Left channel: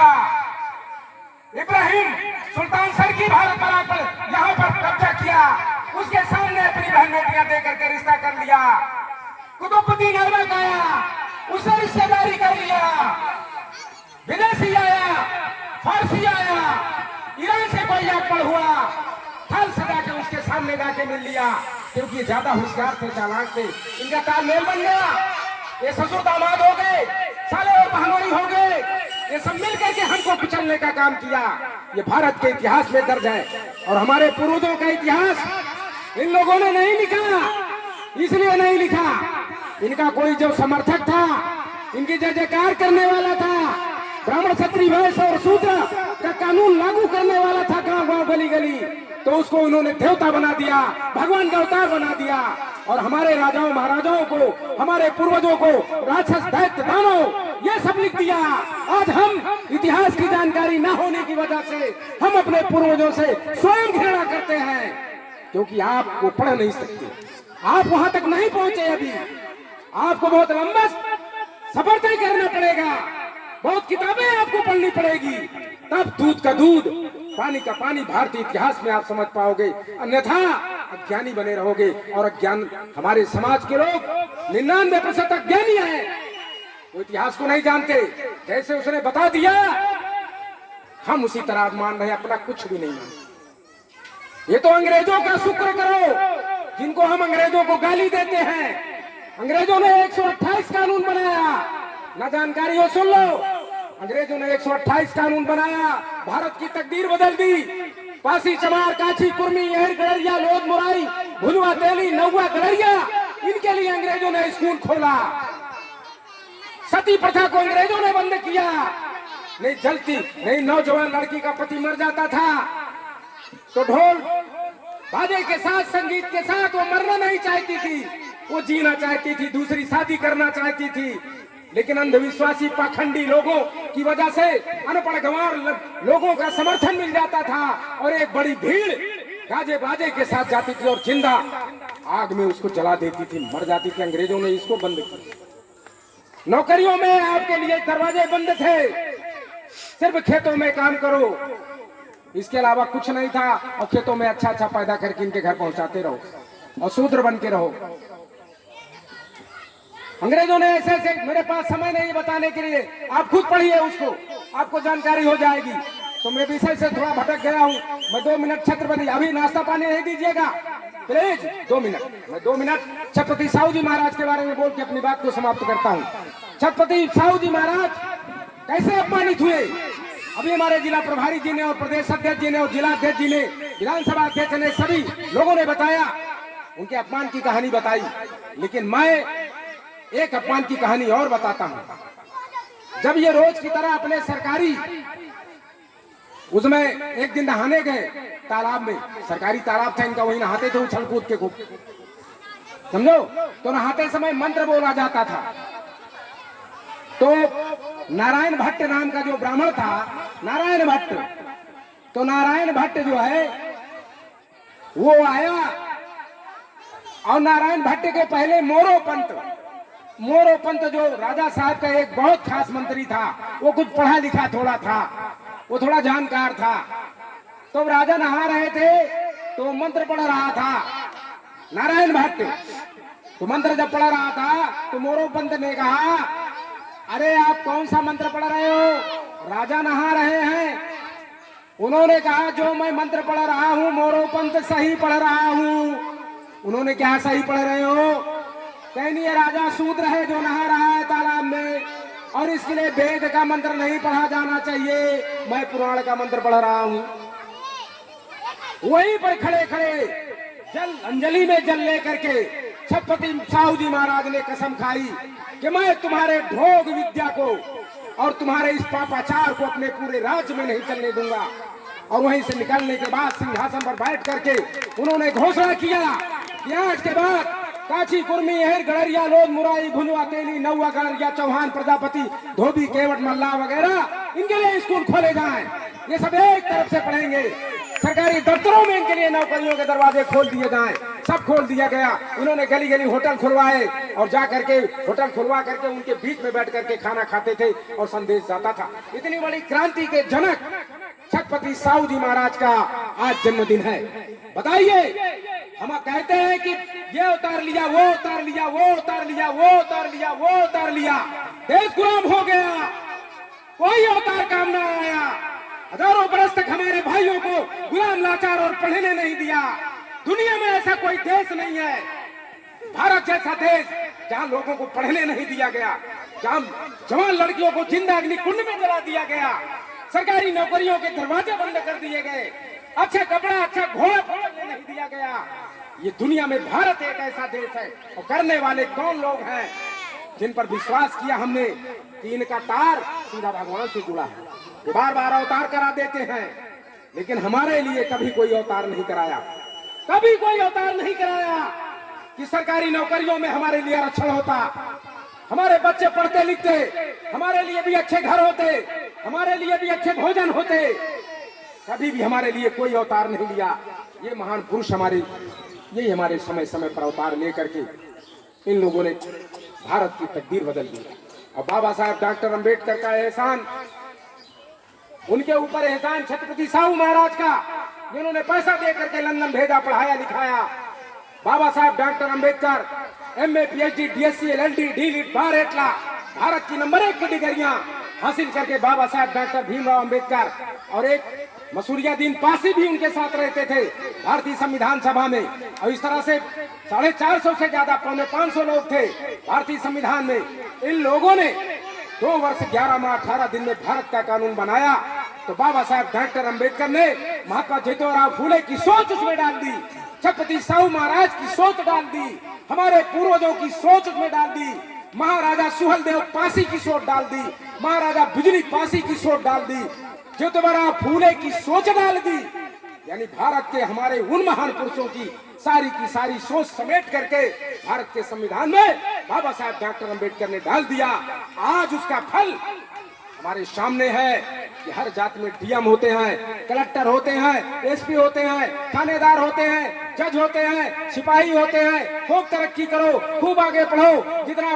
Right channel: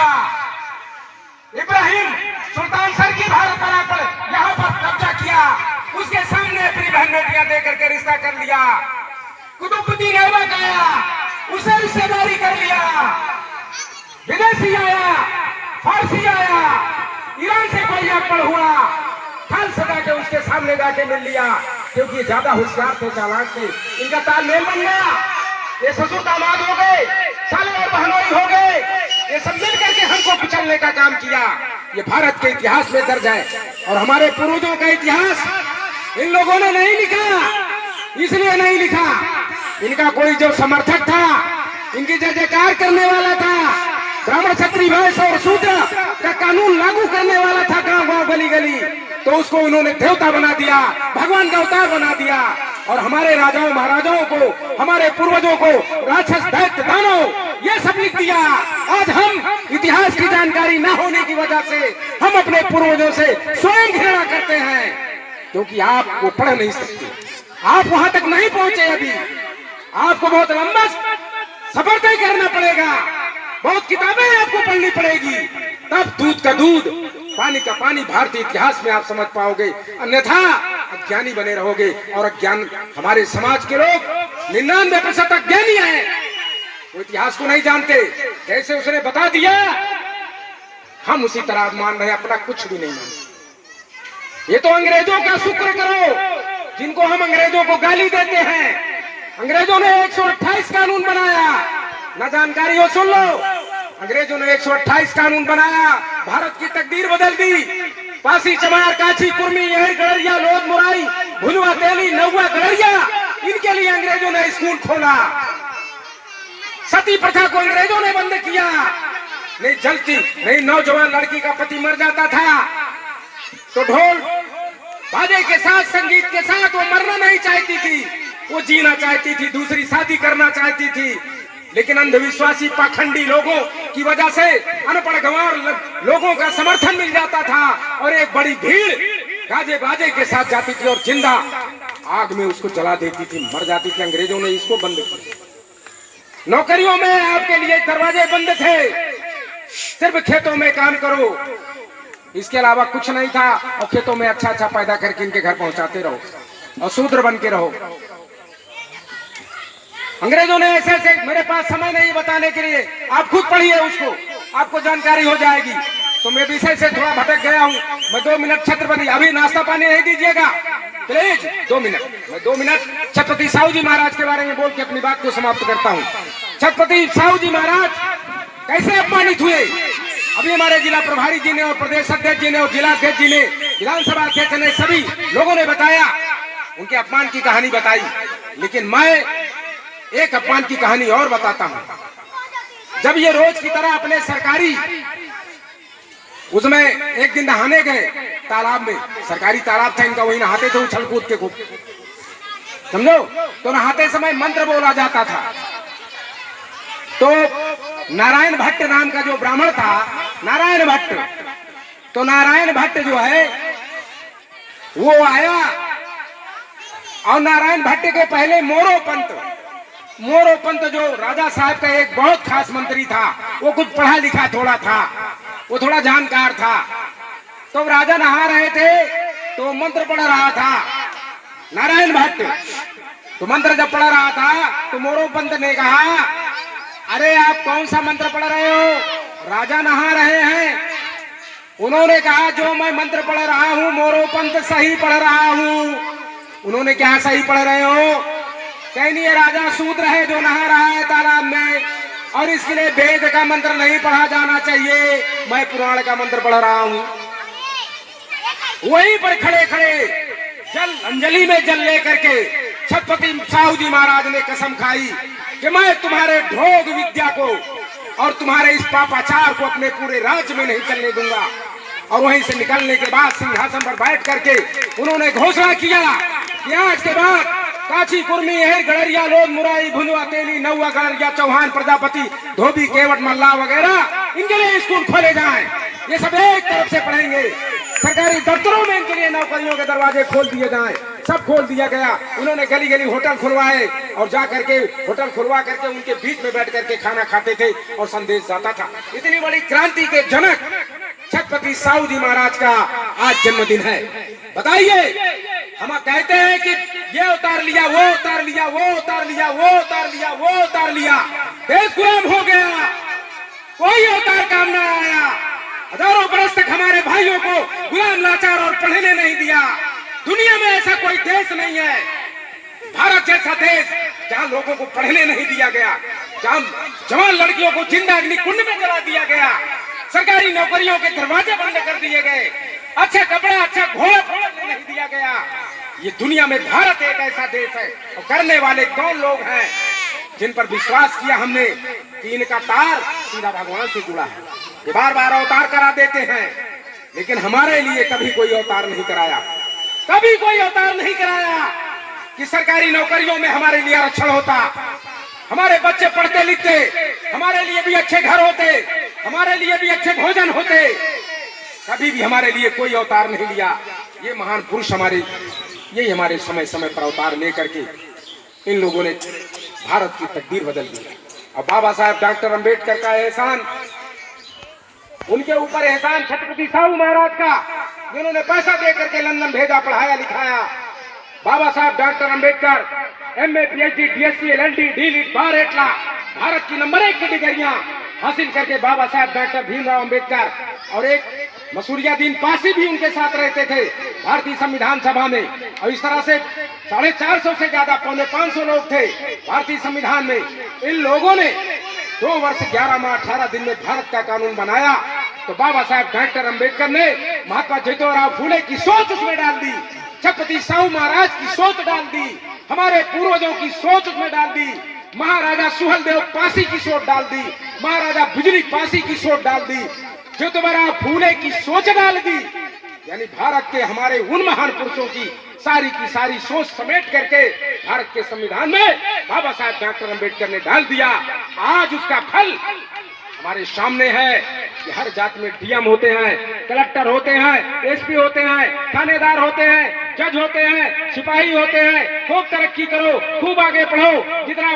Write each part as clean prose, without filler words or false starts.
किया। इब्राहिम सुल्तान सर की भारत पर यहाँ पर कब्जा किया, उसके सामने अपनी बहन बेटियां दे करके रिश्ता कर लिया। कुतुबुद्दीन ऐबक आया, उसे रिश्तेदारी कर लिया। विदेशी आया, फारसी आया, ईरान से कोई आक्रमण हुआ, फल सजा के उसके सामने जाके मिल लिया, क्योंकि ये ज्यादा होशियार थे, चालाक थे। इनका तालमेल बन गया, ये ससुर दामाद हो गए, साले और बहनोई हो गए, ये सब मिल करके हमको कुचलने का काम किया। ये भारत के इतिहास में दर्ज है और हमारे पूर्वजों का इतिहास इन लोगों ने नहीं लिखा, इसलिए नहीं लिखा। इनका कोई जो समर्थक था, इनकी जय जयकार करने वाला था, ब्राह्मण क्षत्रिय वैश्य और शूद्र का कानून लागू करने वाला था गांव गांव गली गली, तो उसको उन्होंने देवता बना दिया, भगवान का अवतार बना दिया। और हमारे राजाओं महाराजाओं को, हमारे पूर्वजों को राक्षस दैत्य दानव ये सब लिख दिया। आज हम इतिहास की जानकारी न होने की वजह से हम अपने पूर्वजों से स्वयं घृणा करते हैं, क्योंकि आप वो पढ़ नहीं सकते, आप वहां तक नहीं पहुंचे। अभी आपको बहुत लंबा सफर तय करना पड़ेगा, बहुत किताबें आपको पढ़नी पड़ेगी, तब दूध का दूध पानी का पानी भारतीय इतिहास में आप समझ पाओगे, अन्यथा अज्ञानी बने रहोगे। और अज्ञान, हमारे समाज के लोग 99% अज्ञानी हैं, वो इतिहास को नहीं जानते। कैसे उसने बता दिया, हम उसी तरह मान रहे, अपना कुछ भी नहीं मानते। ये तो अंग्रेजों का शुक्र करो, जिनको हम अंग्रेजों को गाली देते हैं। अंग्रेजों ने 128 कानून बनाया, ना जानकारी हो सुन लो। अंग्रेजों ने 128 कानून बनाया, भारत की तकदीर बदल दी। पासी, चमार, काछी, कुर्मी, यहर, गड़रिया, लोध, मुराई, भुलवा, तेली, नौवा, गड़रिया, इनके लिए अंग्रेजों ने स्कूल खोला। सती प्रथा को अंग्रेजों ने बंद किया। नहीं जलती, नहीं नौजवान लड़की का पति मर जाता था तो ढोल बाजे के साथ, संगीत के साथ वो मरना नहीं चाहती थी, वो जीना चाहती थी, दूसरी शादी करना चाहती थी। लेकिन अंधविश्वासी पाखंडी लोगों की वजह से अनपढ़ गंवार लोगों का समर्थन मिल जाता था और एक बड़ी भीड़ गाजे बाजे के साथ जाती थी और जिंदा आग में उसको जला देती थी, मर जाती थी। अंग्रेजों ने इसको बंद किया। नौकरियों में आपके लिए दरवाजे बंद थे, सिर्फ खेतों में काम करो, इसके अलावा कुछ नहीं था। और खेतों में अच्छा अच्छा पैदा करके इनके घर पहुंचाते रहो और शूद्र बन के रहो। अंग्रेजों ने ऐसे ऐसे, मेरे पास समय नहीं बताने के लिए, आप खुद पढ़िए उसको, आपको जानकारी हो जाएगी। तो मैं विषय से थोड़ा भटक गया हूँ। मैं 2 मिनट छत्रपति, अभी नाश्ता पानी नहीं दीजिएगा प्लीज, 2 मिनट, मैं 2 मिनट छत्रपति साहू जी महाराज के बारे में बोल के अपनी बात को समाप्त करता हूँ। छत्रपति साहू जी महाराज कैसे अपमानित हुए, अभी हमारे जिला प्रभारी जी ने और प्रदेश अध्यक्ष जी ने और जिला अध्यक्ष जी ने, विधानसभा अध्यक्ष ने, सभी लोगों ने बताया, उनके अपमान की कहानी बताई। लेकिन मैं एक अपमान की कहानी और बताता हूं। जब ये रोज की तरह अपने सरकारी उसमें एक दिन नहाने गए तालाब में, सरकारी तालाब था इनका, वही नहाते थे उछल कूद के खूब, समझो। तो नहाते समय मंत्र बोला जाता था। तो नारायण भट्ट नाम का जो ब्राह्मण था, नारायण भट्ट, तो नारायण भट्ट जो है वो आया और नारायण भट्ट के पहले मोरो पंत जो राजा साहब का एक बहुत खास मंत्री था, वो कुछ पढ़ा लिखा थोड़ा था, वो थोड़ा जानकार था। तो राजा नहा रहे थे तो मंत्र पढ़ रहा था नारायण भट्ट। तो मंत्र जब पढ़ रहा था तो मोरो पंत ने कहा, अरे आप कौन सा मंत्र पढ़ रहे हो, राजा नहा रहे हैं। उन्होंने कहा, जो मैं मंत्र पढ़ रहा हूँ मोरो पंत सही पढ़ रहा हूँ। उन्होंने क्या सही पढ़ रहे हो, कहीं ये राजा शूद्र है जो नहा रहा है तालाब में, और इसके लिए वेद का मंत्र नहीं पढ़ा जाना चाहिए, मैं पुराण का मंत्र पढ़ रहा हूँ। वहीं पर खड़े खड़े जल अंजलि में जल लेकर के छत्रपति साहू जी महाराज ने कसम खाई कि मैं तुम्हारे ढोंग विद्या को और तुम्हारे इस पापाचार को अपने पूरे राज्य में नहीं चलने दूंगा। और वहीं से निकलने के बाद सिंहासन पर बैठ करके उन्होंने घोषणा किया कि आज के बाद काछी, कुर्मी, यहर, गड़रिया, लोध, मुराई, भुलवा, तेली, नौवा, गड़रिया, चौहान, प्रजापति, धोबी, केवट, मल्ला वगैरह इनके लिए स्कूल खोले जाएं। ये सब एक तरफ से पढ़ेंगे, सरकारी दफ्तरों में इनके लिए नौकरियों के दरवाजे खोल दिए जाएं। सब खोल दिया गया। उन्होंने गली गली होटल खुलवाए और जा करके होटल खुलवा करके उनके बीच में बैठ करके खाना खाते थे और संदेश जाता था। इतनी बड़ी क्रांति के जनक छत्रपति साहू जी महाराज का आज जन्मदिन है। बताइए, हम कहते हैं कि ये उतार लिया, वो उतार लिया, वो उतार लिया, वो उतार लिया, वो उतार लिया, देश गुलाम हो गया, कोई अवतार काम न आया। हजारों बरस तक हमारे भाइयों को गुलाम, लाचार और पढ़ने नहीं दिया। दुनिया में ऐसा कोई देश नहीं है, भारत जैसा देश, जहां लोगों को पढ़ने नहीं दिया गया, जहां जवान लड़कियों को जिंदा अग्नि कुंड में जला दिया गया, सरकारी नौकरियों के दरवाजे बंद कर दिए गए, अच्छा कपड़ा, अच्छा घोड़ा नहीं दिया गया। ये दुनिया में भारत एक ऐसा देश है। और करने वाले कौन लोग हैं जिन पर विश्वास किया हमने कि इनका तार सीधा भगवान से जुड़ा है। ये बार बार अवतार करा देते हैं, लेकिन हमारे लिए कभी कोई अवतार नहीं कराया, कभी कोई अवतार नहीं कराया कि सरकारी नौकरियों में हमारे लिए आरक्षण होता, हमारे बच्चे पढ़ते लिखते, हमारे लिए भी अच्छे घर होते, हमारे लिए भी अच्छे भोजन होते। कभी भी हमारे लिए कोई अवतार नहीं लिया। ये महान पुरुष यही हमारे समय समय पर अवतार लेकर के इन लोगों ने भारत की तकदीर बदल दी। और बाबा साहब डॉक्टर अंबेडकर का एहसान, उनके ऊपर एहसान छत्रपति साहू महाराज का, जिन्होंने पैसा दे करके लंदन भेजा, पढ़ाया लिखाया। बाबा साहब doctor Ambedkar MA PhD DSc LLD D.Litt बार एटला भारत की नंबर 1 की डिग्रियां हासिल करके बाबा साहब डॉक्टर भीमराव अंबेडकर और एक मसूरियादीन पासी भी उनके साथ रहते थे भारतीय संविधान सभा में। और इस तरह से 450 से ज्यादा, 500 लोग थे भारतीय संविधान में। इन लोगों ने 2 वर्ष 11 माह 18 दिन में भारत का कानून बनाया। तो बाबा साहब डॉक्टर अंबेडकर ने महात्मा ज्योतिराव फूले की सोच उसमें डाल दी, छत्रपति साहू महाराज की सोच डाल दी, हमारे पूर्वजों की सोच उसमें डाल दी, महाराजा सुहेलदेव पासी की सोच डाल दी, महाराजा बिजली पासी की सोच डाल दी, ज्योतिराव फूले की सोच डाल दी। यानी भारत के हमारे उन महान पुरुषों की सारी सोच समेट करके भारत के संविधान में बाबा साहब डॉक्टर अंबेडकर ने डाल दिया। आज उसका फल हमारे सामने है कि हर जाति में DM होते हैं, कलेक्टर होते हैं, SP होते हैं, थानेदार होते हैं, जज होते हैं, सिपाही होते हैं। खूब तरक्की करो, खूब आगे बढ़ो, जितना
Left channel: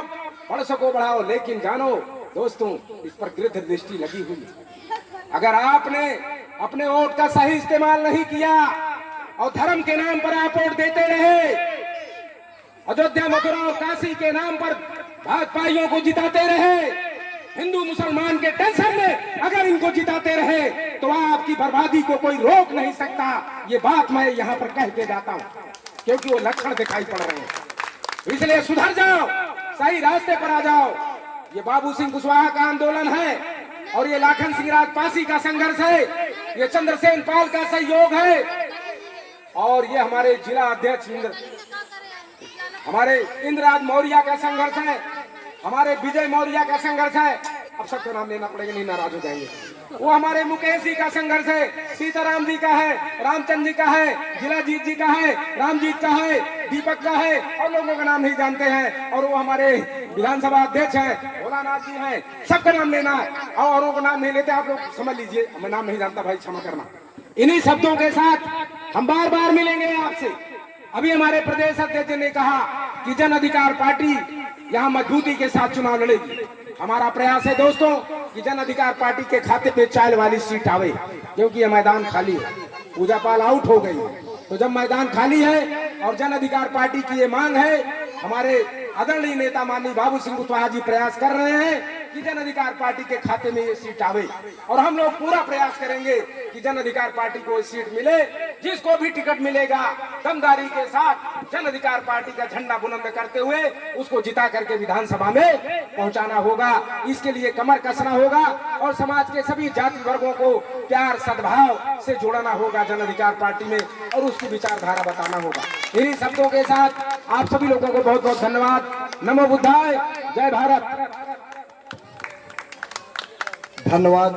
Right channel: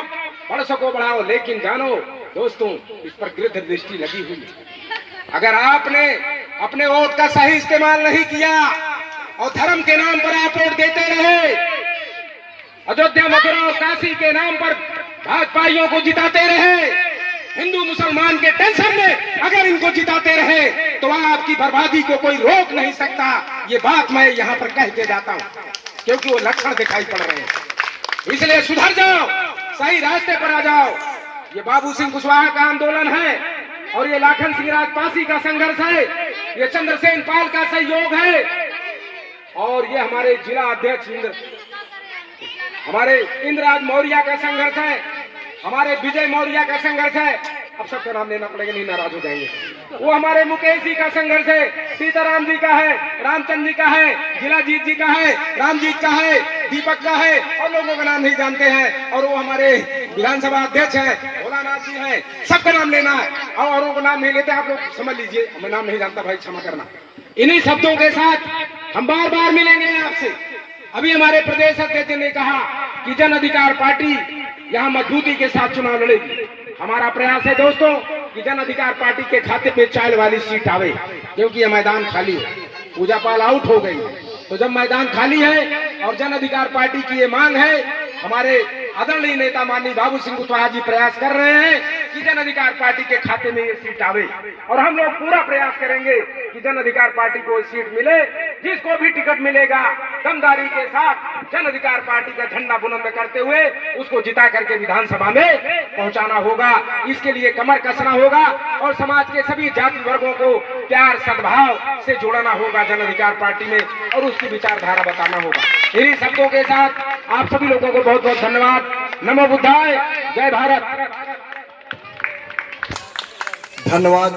बढ़ सको बढ़ाओ। लेकिन जानो दोस्तों, इस पर गिरध दृष्टि लगी हुई है। अगर आपने अपने वोट का सही इस्तेमाल नहीं किया और धर्म के नाम पर आप वोट देते रहे, अयोध्या, मथुरा और काशी के नाम पर भाजपाइयों को जिताते रहे, हिंदू मुसलमान के टेंशन में अगर इनको जिताते रहे, तो आपकी बर्बादी को कोई रोक नहीं सकता। ये बात मैं यहाँ पर कह के जाता हूँ, क्योंकि वो लक्षण दिखाई पड़ रहे हैं। इसलिए सुधर जाओ, सही रास्ते पर आ जाओ। ये बाबू सिंह कुशवाहा का आंदोलन है और ये लाखन सिंह राजपासी का संघर्ष है, ये चंद्रसेन पाल का सहयोग है और ये हमारे जिला अध्यक्ष हमारे इंद्रराज मौर्य का संघर्ष है, हमारे विजय मौर्य का संघर्ष है। अब सबका नाम लेना पड़ेगा, नहीं नाराज हो जाएंगे। वो हमारे मुकेश जी का संघर्ष है, सीताराम जी का है, रामचंद्र जी का है, जिलाजीत जी का है, रामजीत का है, दीपक का है और लोगों का नाम नहीं जानते हैं। और वो हमारे विधानसभा अध्यक्ष हैं, भोलानाथ जी हैं। सबका नाम लेना है और औरों का नाम नहीं लेते, आप लोग समझ लीजिए, मैं नाम नहीं जानता भाई, क्षमा करना। इन्हीं शब्दों के साथ हम बार बार मिलेंगे आपसे। अभी हमारे प्रदेश अध्यक्ष ने कहा कि जन अधिकार पार्टी यहाँ मजबूती के साथ चुनाव लड़ेगी। हमारा प्रयास है दोस्तों कि जन अधिकार पार्टी के खाते पे 4 वाली सीट आवे, क्योंकि ये मैदान खाली है। पूजा पाल आउट हो गई, तो जब मैदान खाली है और जन अधिकार पार्टी की ये मांग है, हमारे आदरणीय नेता माननीय बाबू सिंह कुशवाहा जी प्रयास कर रहे हैं कि जन अधिकार पार्टी के खाते में ये सीट आवे। और हम लोग पूरा प्रयास करेंगे कि जन अधिकार पार्टी को सीट मिले। जिसको भी टिकट मिलेगा, दमदारी के साथ जन अधिकार पार्टी का झंडा बुलंद करते हुए उसको जिता करके विधानसभा में पहुंचाना होगा। इसके लिए कमर कसना होगा और समाज के सभी जाति वर्गों को प्यार सद्भाव से जोड़ना होगा जन अधिकार पार्टी में, और उसकी विचारधारा बताना होगा। इन्हीं शब्दों के साथ आप सभी लोगों को बहुत बहुत धन्यवाद। नमो बुद्धाय, जय भारत। धन्यवाद।